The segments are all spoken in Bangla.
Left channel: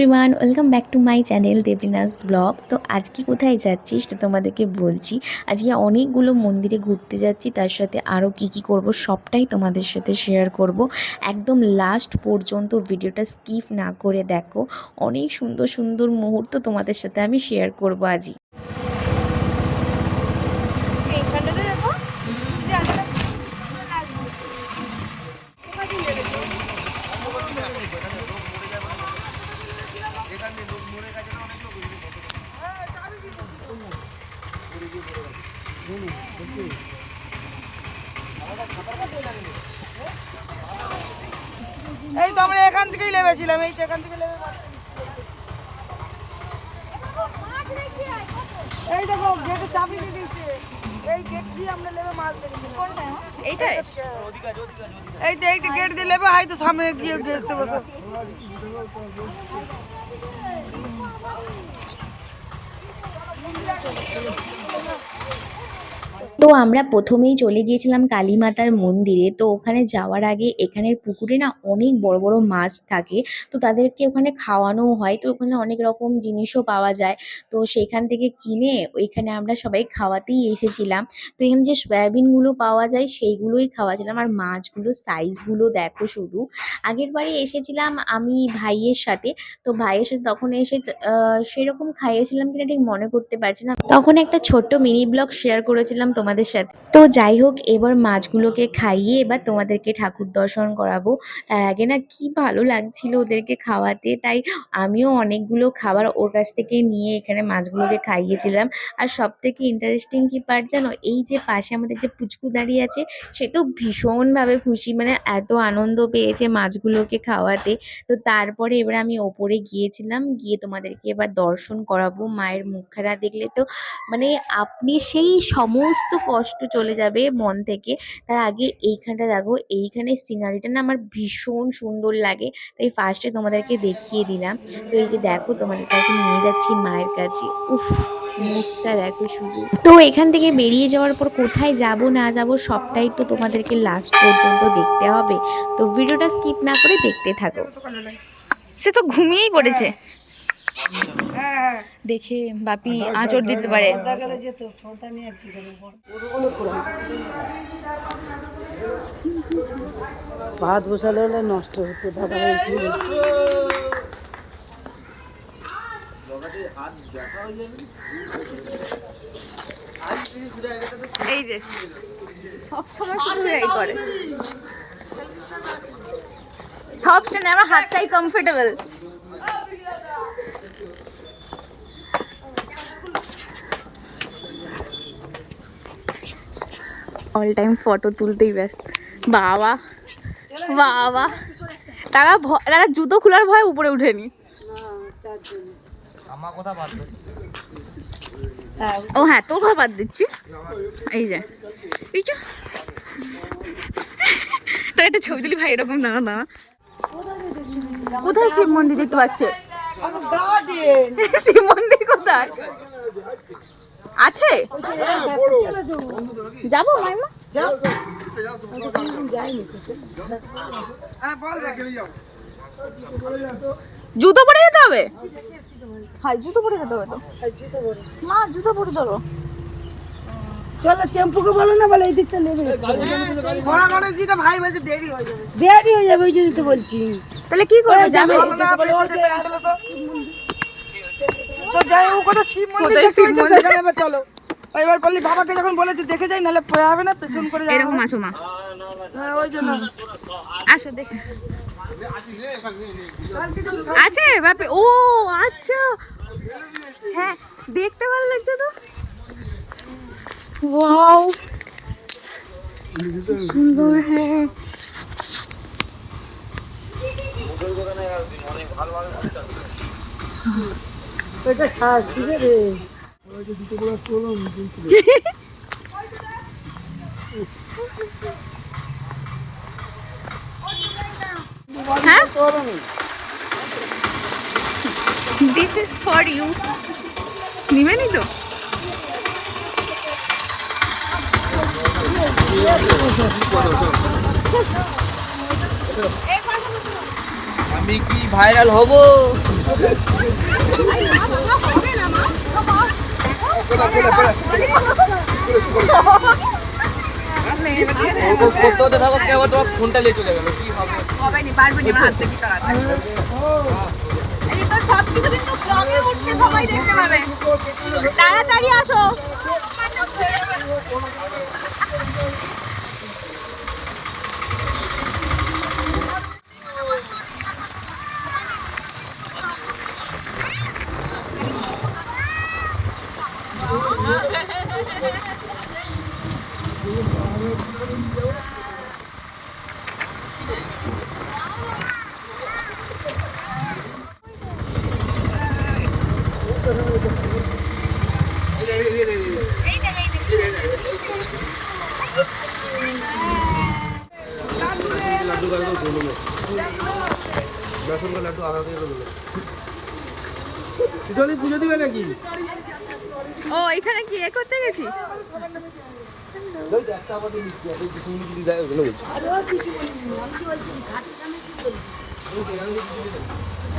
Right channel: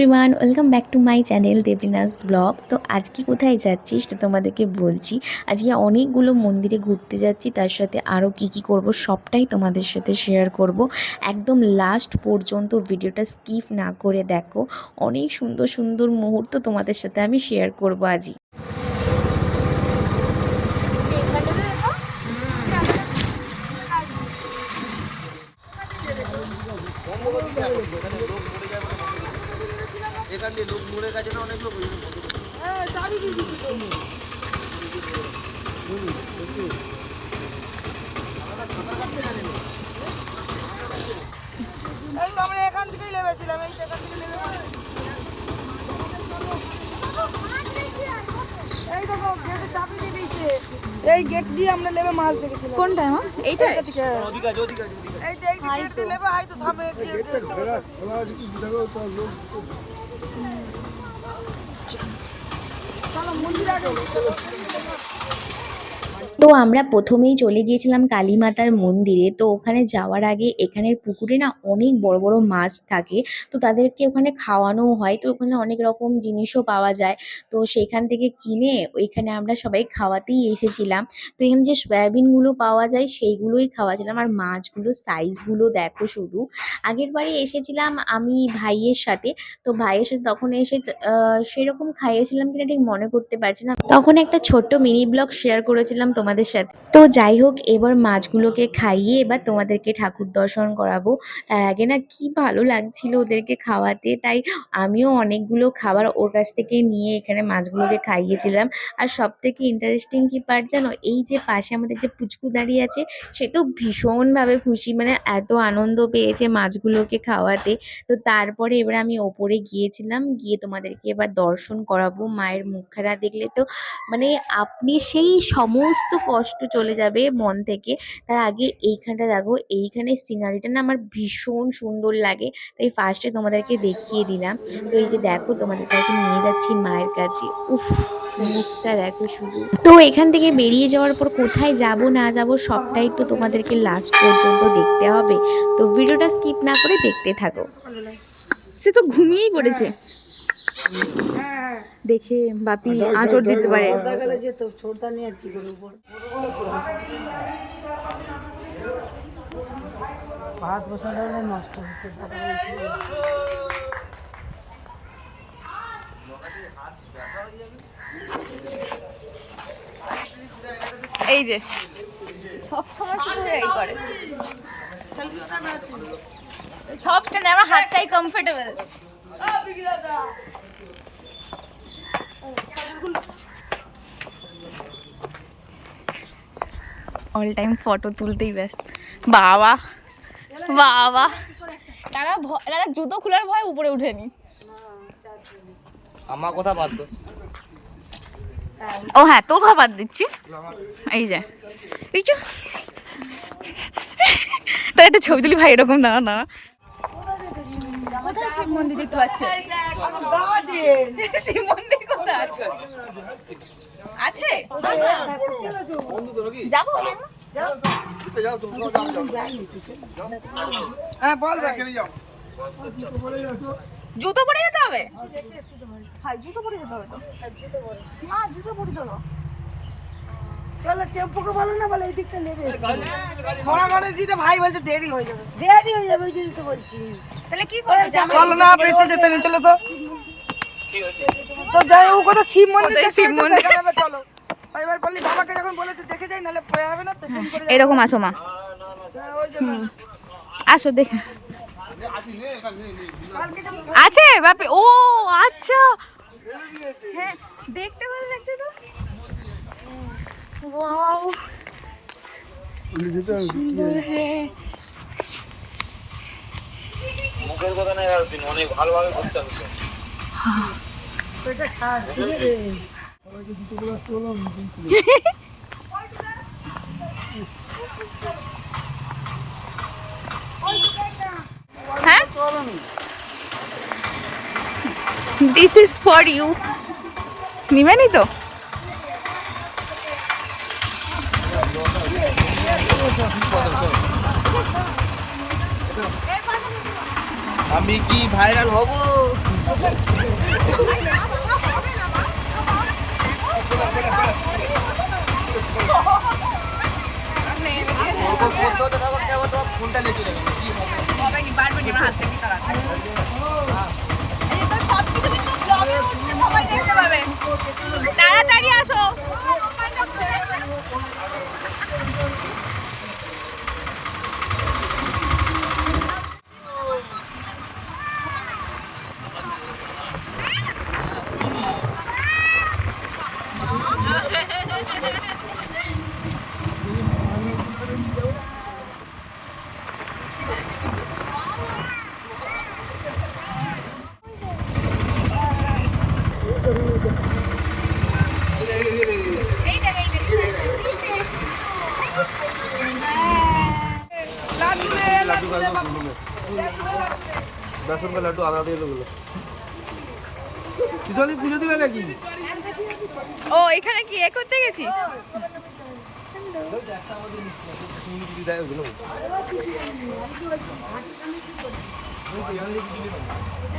Everyone, welcome back to my channel দেবলিনাস blog. তো আজকে কোথায় যাচ্ছি সেটা তোমাদেরকে বলছি। আজকে অনেকগুলো মন্দিরে ঘুরতে যাচ্ছি, তার সাথে আরও কি করব সবটাই তোমাদের সাথে শেয়ার করব। একদম লাস্ট পর্যন্ত ভিডিওটা স্কিপ না করে দেখো, অনেক সুন্দর সুন্দর মুহূর্ত তোমাদের সাথে আমি শেয়ার করব আজই। এই তো আমরা এখান থেকেই নেমেছিলাম, এই তো এখান থেকে নেমে এই দেখো গেটে চাবি দিয়ে দিয়েছে। এই গেট দিয়ে আমরা নেমে মাছ দেখেছিলাম। কোনটা মা? এইটাই? এই তো এই গেট দিয়ে নেমে হয়তো সামনে দিয়ে গেছে বসে। চলো মন্দির আগে। তো আমরা প্রথমেই চলে গিয়েছিলাম কালীমাতার মন্দিরে। তো ওখানে যাওয়ার আগে এখানের পুকুরে না অনেক বড় বড় মাছ থাকে, তো তাদেরকে ওখানে খাওয়ানোও হয়। তো ওখানে অনেক রকম জিনিসও পাওয়া যায়, তো সেখান থেকে কিনে ওইখানে আমরা সবাই খাওয়াতেই এসেছিলাম। তো এখানে যে সয়াবিনগুলো পাওয়া যায় সেইগুলোই খাওয়াছিলাম। আর মাছগুলো সাইজগুলো দেখো শুধু। আগের বারে এসেছিলাম আমি ভাইয়ের সাথে, তো ভাইয়ের সাথে তখন এসে সেরকম খাইয়েছিলাম কিনা ঠিক মনে করতে পারছি না। তখন একটা ছোট্ট মিনি ব্লগ শেয়ার করেছিলাম তোমাদের সাথে। তো যাই হোক, এবার মাছগুলোকে খাইয়ে এবার তোমাদেরকে ঠাকুর দর্শন করাবো। তার আগে না কি ভালো লাগছিল ওদেরকে খাওয়াতে, তাই আমিও অনেকগুলো খাবার ওর কাছ থেকে নিয়ে এখানে মাছগুলোকে খাইয়েছিলাম। আর সব থেকে ইন্টারেস্টিং কি পার্ট জানো, এই যে পাশে আমাদের যে পুচকু দাঁড়িয়ে আছে, সে তো ভীষণভাবে খুশি, মানে এত আনন্দ পেয়েছে মাছগুলোকে খাওয়াতে। তো তারপরে এবার আমি ওপরে গিয়েছিলাম, গিয়ে তোমাদেরকে এবার দর্শন করাবো। মায়ের মুখখানা দেখলে তো মানে আপনি সেই সমস্ত কষ্ট চলে যাবে মন থেকে। তার আগে এইখানটা দেখো, এইখানে সিনারিটা না আমার ভীষণ সুন্দর লাগে, তাই ফার্স্টে তোমাদেরকে দেখিয়ে দিলাম। তো এই যে দেখো, তোমাদের কাছে নিয়ে যাচ্ছি মায়ের কাছে। উফ, মুখটা দেখো শুধু। তো এখান থেকে বেরিয়ে যাওয়ার পর কোথায় যাব না যাব সবটাই তো তোমাদেরকে লাস্ট পর্যন্ত দেখতে হবে। তো ভিডিওটা স্কিপ না করে দেখতে থাকো। সে তো ঘুমিয়েই পড়েছে। দেখে বাপি আঁচড় দিতে পারে। ভাত বসালে হলে নষ্ট হতো দাদা। এই যে সব সময় শুধু এই করে, সব কেন আমার হাতটাই কমফোর্টেবল। অল টাইম ফটো তুলতেই ব্যস্ত। বাবা বাবা, তারা জুতো খোলার ভয় উপরে উঠেনি। আমার কথা বাদ দে। ও হ্যাঁ, তোর কথা বাদ দিচ্ছি। এই যে এই যে তো একটা ছবি তুলি ভাই, এরকম দাঁড়া দাঁড়া। কোথায় শিব মন্দির দেখতে পাচ্ছে? শিব মন্দির কোথায় আছে? যাবো মাইমা? জুতো পরে যেতে হবে? হ্যাঁ জুতো পরে যেতে হবে তো। মা জুতো পরে চলো। চলো টেম্পুকে বলো না, বলে এই দিকটা নেবে। ঘোড়া গণেশজিটা ভাই বলছে দেরি হয়ে যাবে। দেরি হয়ে যাবে, ওই জন্য তো বলছি। তাহলে কি করবে? যাবে চলো না, পেছে যেতে না, চলো তো। তো যাই ও কথা শিব মন্দির, শিব মন্দির চলো। এবার বললি বাবাকে যখন বলেছি দেখে যাই, নাহলে পড়ে হবে না, পেছন করে এরকম আসো মা। ওই জন্য আসো দেখে আছে বাপে। ও আচ্ছা, হ্যাঁ দেখতে ভালো লাগছে তো। ওয়াও সুন্দর। হ্যাঁ মুখের কথা না, অনেক ভালোভাবে করতে হবে। এটা খাস শিখে রে। ওই যে দুটো বড় তোলম দিছিল। হ্যাঁ, দিস ইজ ফর ইউ। নিবেনি তো? আমি কি ভাইরাল হব? সবাই দেখতে পাবে, তাড়াতাড়ি আসো। ও এখানে কি এ করতে গেছিস?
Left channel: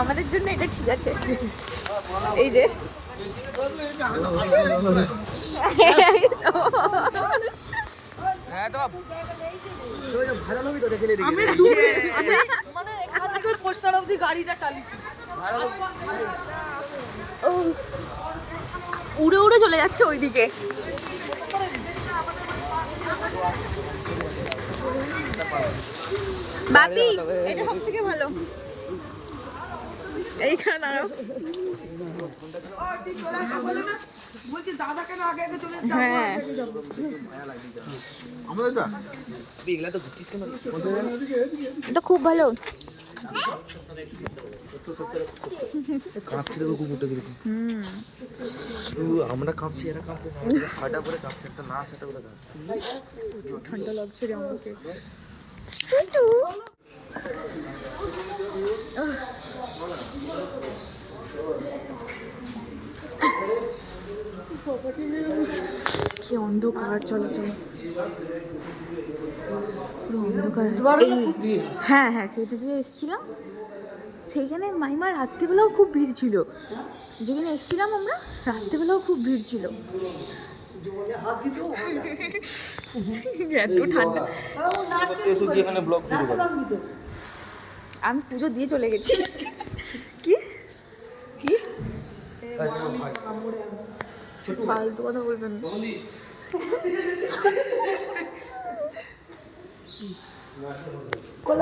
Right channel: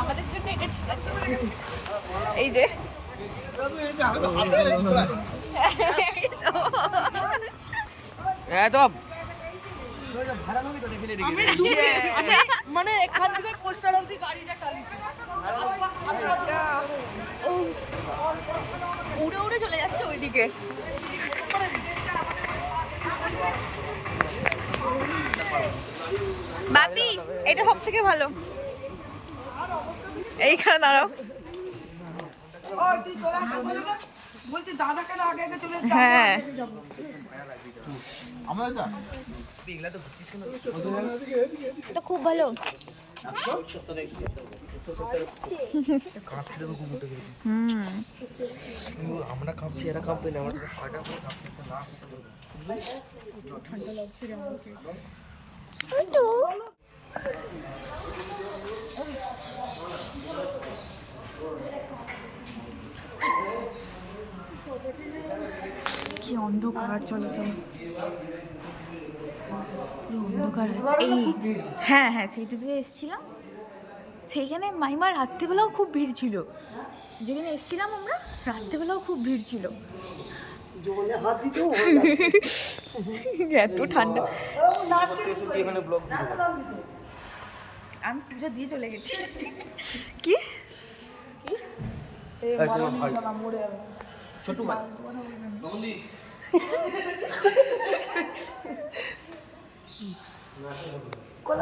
আমাদের জন্য এটা ঠিক আছে। এই যে আমি দূরে মানে এখান থেকে পোস্টার অবধি গাড়িটা চালিয়েছি। উড়ে উড়ে চলে যাচ্ছে ওইদিকে। বাপি এটা সব থেকে ভালো। এইখানে দাঁড়াও। বলছি দাদাকে না আগে আগে চলে হ্যাঁ এটা খুব ভালো। আমরা কাঁপছি, এরা কাঁপবে না, আমাদের ফাটা করে কাঁপছে, একটা না সেটা করে ঠান্ডা লাগছে রে আমাকে। কি অন্ধকার, চলো চলো, পুরো অন্ধকার। এই হ্যাঁ হ্যাঁ সেটা যে এসছিলাম সেইখানে মাইমার রাত্রিবেলাও খুব ভিড় ছিল। যেখানে এসছিলাম আমরা রাত্রিবেলাও খুব ভিড় ছিল। এত ঠান্ডা। আমি পুজো দিয়ে চলে গেছি। কি ফালতু কথা বলবেন।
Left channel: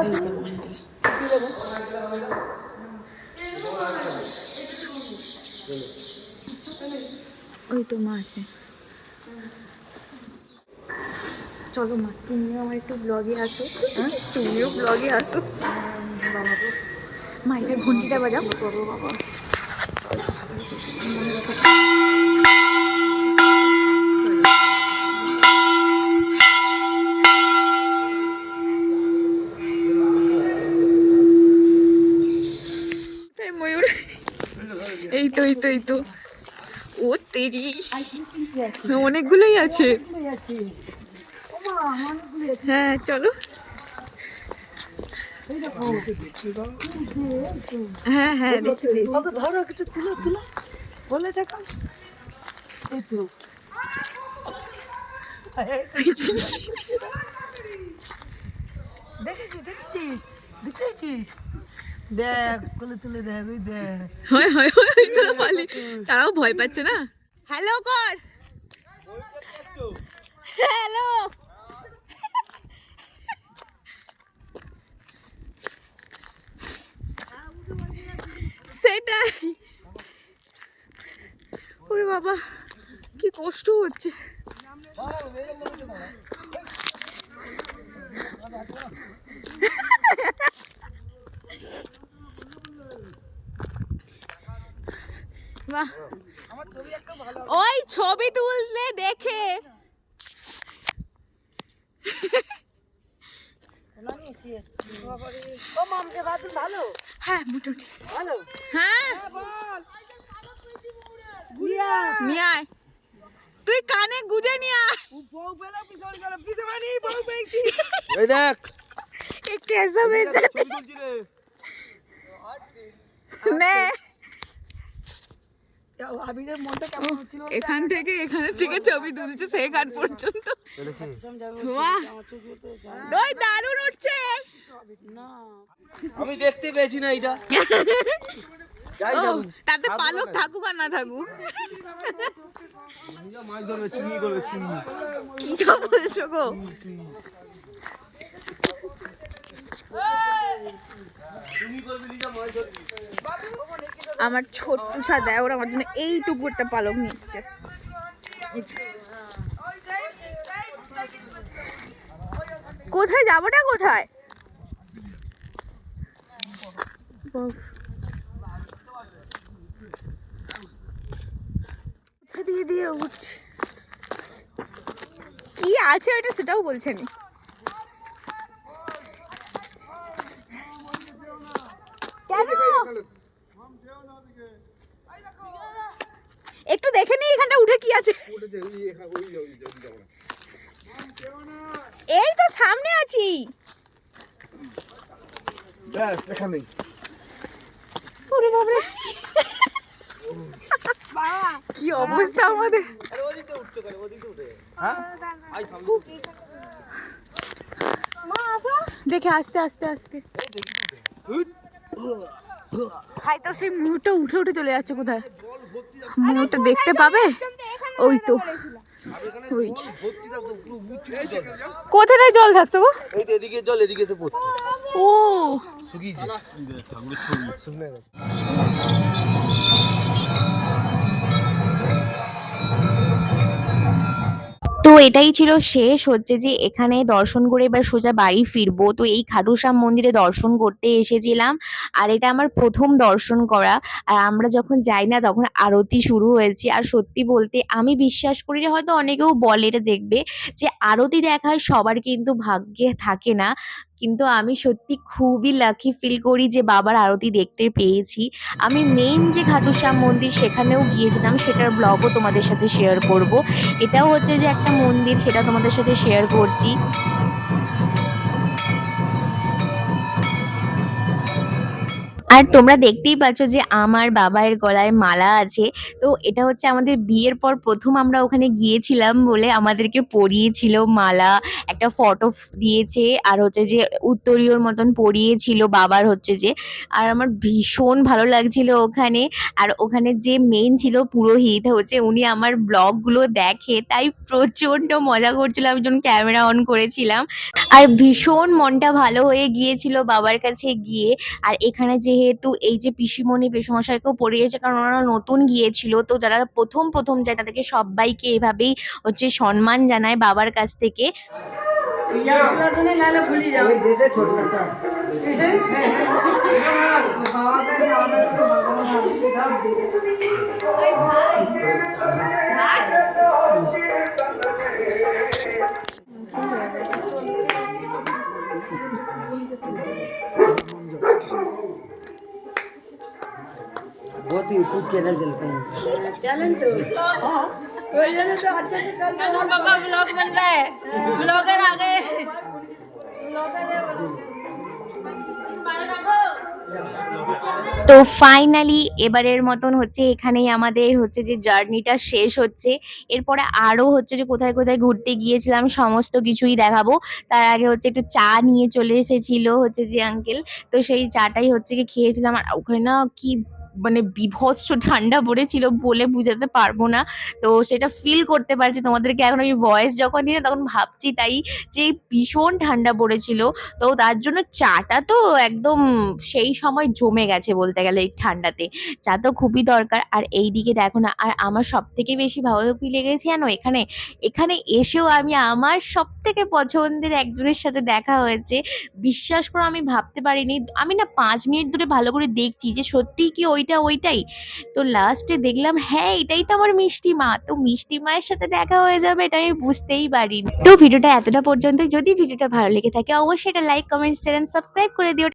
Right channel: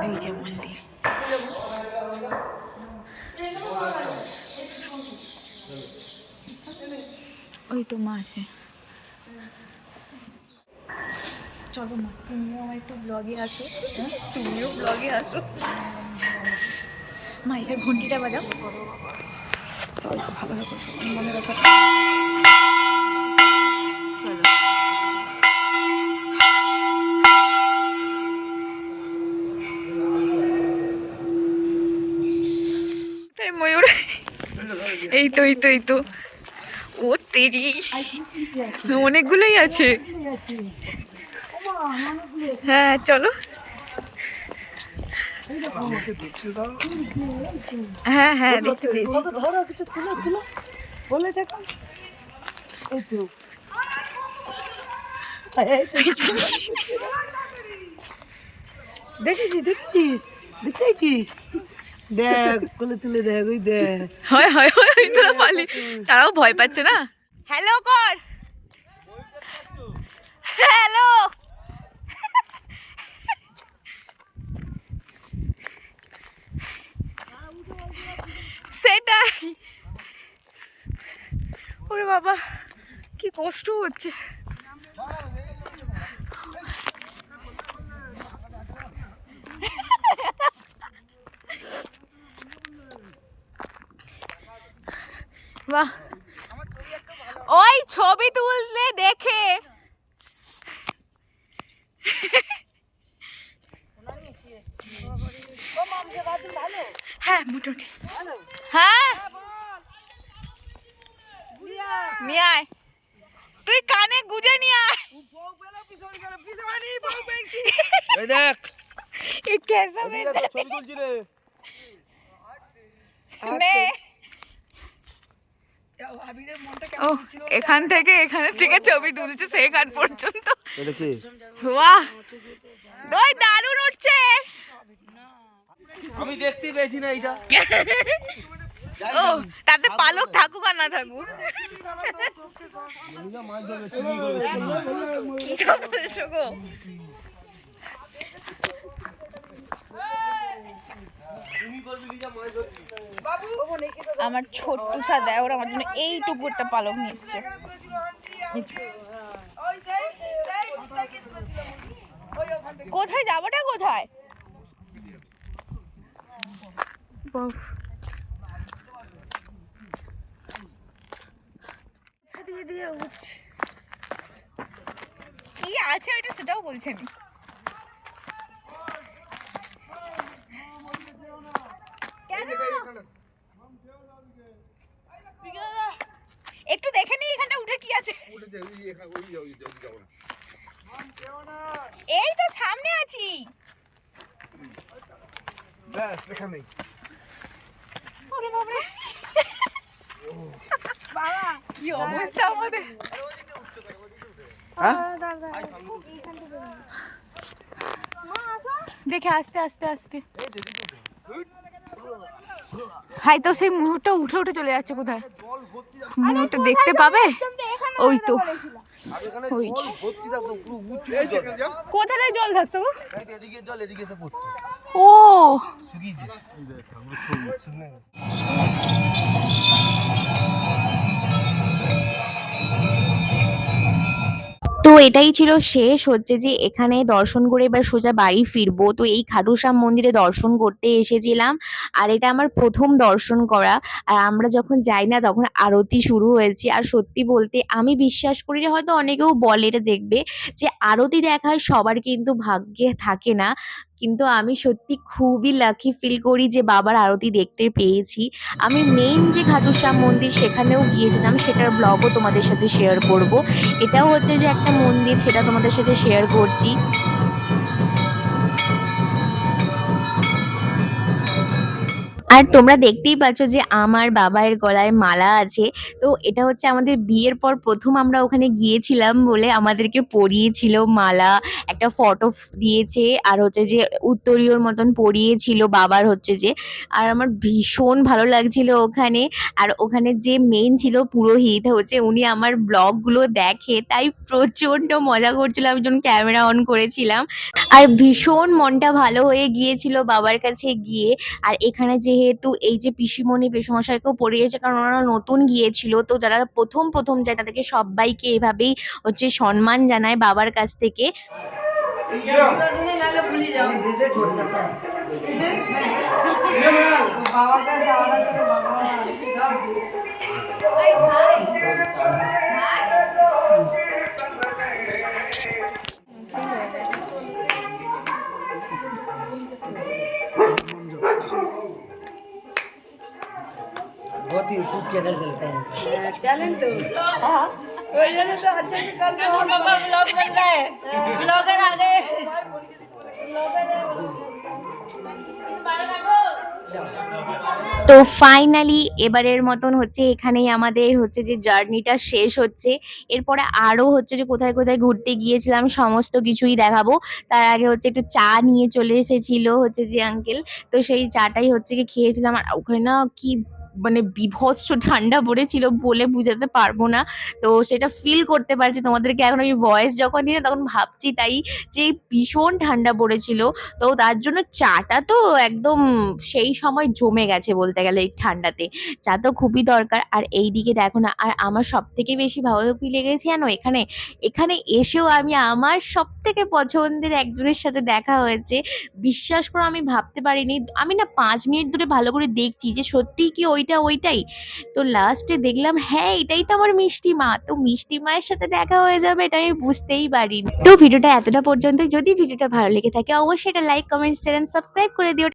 এই যে মন্দির, ওই তো মা আছে। চলো মা, তুমিও আমার একটু ব্লগে আসো। তুমিও ব্লগে আসো। মা এখানে ঘন্টিটা বাজাও। ময়ূর এই তো এই তো এই তো। ও তেরি, অনেকগুলোই আছে। হ্যাঁ চলো। হ্যাঁ হ্যাঁ দেখতে পেয়েছি। ধরো কিছু তুলো তুলো বলে দেখো। এই তো দেখেছিস দেখেছিস দেখেছিস, দেখ কোলে তুলে দেখ, ওই দেখ। হয় হয় হয় তোরা পালি, তারাও ভয় পাচ্ছে না। হ্যালো কর, হ্যালো। সেটাই, ওরে বাবা কি কষ্ট হচ্ছে। বাহ, ওই ছবি তুললে দেখে। হ্যাঁ মোটামুটি হ্যাঁ। নিয়ে আয়, তুই কানে গুজে নিয়ে আয়। এই দেখ ये कैसा बेचता है? ने আবিরের মনটা ও কেমন হচ্ছিল এখান থেকে ছবি তুলছে সেখান পর্যন্ত। বাহ ওই দারুণ উঠছে। আমি দেখতে পেয়েছি না এটা। ও তাতে পালক থাকুক আর না থাকুক। মাছ ধরবে, চিনি করবে, চিনি। কি সব বলছো গো? আমার ছোট্ট সাদা ওরা আমার জন্য এইটুকু একটা পালক নিয়ে এসছে। কোথায় যাবোটা কোথায়? কোথা দিয়ে দিয়ে উঠছে, কি আছে ওইটা সেটাও বলছে আমি। কেন একটু দেখে নি এখানটা উঠে কি আছে। এই তো সামনে আছি। ওরে বাবারে কি অবস্থা আমাদের। দেখে আস্তে আস্তে আস্তে। হাই তো সেই মুহূর্তটা উঠে উঠে চলে যাচ্ছে কোথায়, মুহূর্তটা দেখতে পাবে। ওই তো ওই কোথায় জল থাকতো গো? এই তো এদিকে জল, এদিকে তো পড়তো। ও শুকিয়েছে। তো এটাই ছিল শেষ, হচ্ছে যে এখানে দর্শন করে এবার সোজা বাড়ি ফিরবো। তো এই খাটুশ্যাম মন্দিরে দর্শন করতে এসেছিলাম, আর এটা আমার প্রথম দর্শন করা। আর আমরা যখন যাই না তখন আরতি শুরু হয়েছে, আর সত্যি বলতে আমি বিশ্বাস করি না, হয়তো অনেকেও বলে এটা দেখবে যে আরতি দেখার সবার কিন্তু ভাগ্যে থাকে না, কিন্তু আমি সত্যি খুবই লাকি ফিল করি যে বাবার আরতি দেখতে পেয়েছি। আমি মেইন যে খাটুশ্যাম মন্দির সেখানেও গিয়েছিলাম, সেটার ব্লগও তোমাদের সাথে শেয়ার করব। এটাও হচ্ছে যে একটা মন্দির, সেটা তোমাদের সাথে শেয়ার করছি। আর তোমরা দেখতেই পাচ্ছ যে আমার বাবার গলায় মালা আছে। তো এটা হচ্ছে আমাদের বিয়ের পর প্রথম আমরা ওখানে গিয়েছিলাম বলে আমাদেরকে পরিয়েছিল মালা, একটা ফটো দিয়েছে, আর হচ্ছে যে উত্তরীয়র মতন পরিয়েছিল বাবার হচ্ছে যে। আর আমার ভীষণ ভালো লাগছিল ওখানে। আর ওখানে যে মেইন ছিল পুরোহিত, হচ্ছে উনি আমার ব্লগগুলো দেখে, তাই প্রচণ্ড মজা করছিল আমি যখন ক্যামেরা অন করেছিলাম। আর ভীষণ মনটা ভালো হয়ে গিয়েছিল বাবার কাছে গিয়ে। আর এখানে যেহেতু এই যে পিসিমণি পিসমশাইকেও পড়িয়েছে, কারণ ওনারা নতুন গিয়েছিল, তো যারা প্রথম প্রথম যায় তাদেরকে সবাইকে এভাবেই হচ্ছে সম্মান জানায় বাবার কাছ থেকে। बहुत ही यूट्यूब चैनल चलता है। তো ফাইনালি এবারের মতন হচ্ছে এখানেই আমাদের হচ্ছে যে জার্নিটা শেষ হচ্ছে। এরপরে আরো হচ্ছে যে কোথায় কোথায় ঘুরতে গিয়েছিলাম সমস্ত কিছুই দেখাবো। তার আগে হচ্ছে একটু চা নিয়ে চলে এসেছিল হচ্ছে যে আঙ্কেল, তো সেই চাটাই হচ্ছে কি খেয়েছিলাম। আর ওখানে না কি মানে বীভৎস ঠান্ডা পড়েছিল, বলে বুঝাতে পারবো না। তো সেটা ফিল করতে পারছি তোমাদেরকে এখন আমি ভয়েস যখন দিই না, তখন ভাবছি তাই যে ভীষণ ঠান্ডা পড়েছিল। তো তার জন্য চাটা তো একদম সেই সময় জমে গেছে বলতে গেলে এই ঠান্ডাতে। চা তো খুবই দরকার। আর এইদিকে দেখো না, আর আমার সবথেকে বেশি ভালো কি লেগেছে জানো, এখানে এখানে এসেও আমি আমার সবথেকে পছন্দের একজনের সাথে দেখা হয়েছে। বিশ্বাস করো আমি ভাবতে পারিনি, আমি না 5 মিনিট ধরে ভালো করে দেখছি যে সত্যিই কি ওইটাই। তো লাস্টে দেখলাম হ্যাঁ এটাই তো আমার মিষ্টি মা। তো মিষ্টি মায়ের সাথে দেখা হয়ে যাবে এটা আমি বুঝতেই পারিনি। তো ভিডিওটা এতটা পর্যন্ত, যদি ভিডিওটা ভালো লেগে থাকে অবশ্যই এটা like comment share and subscribe করে দিও।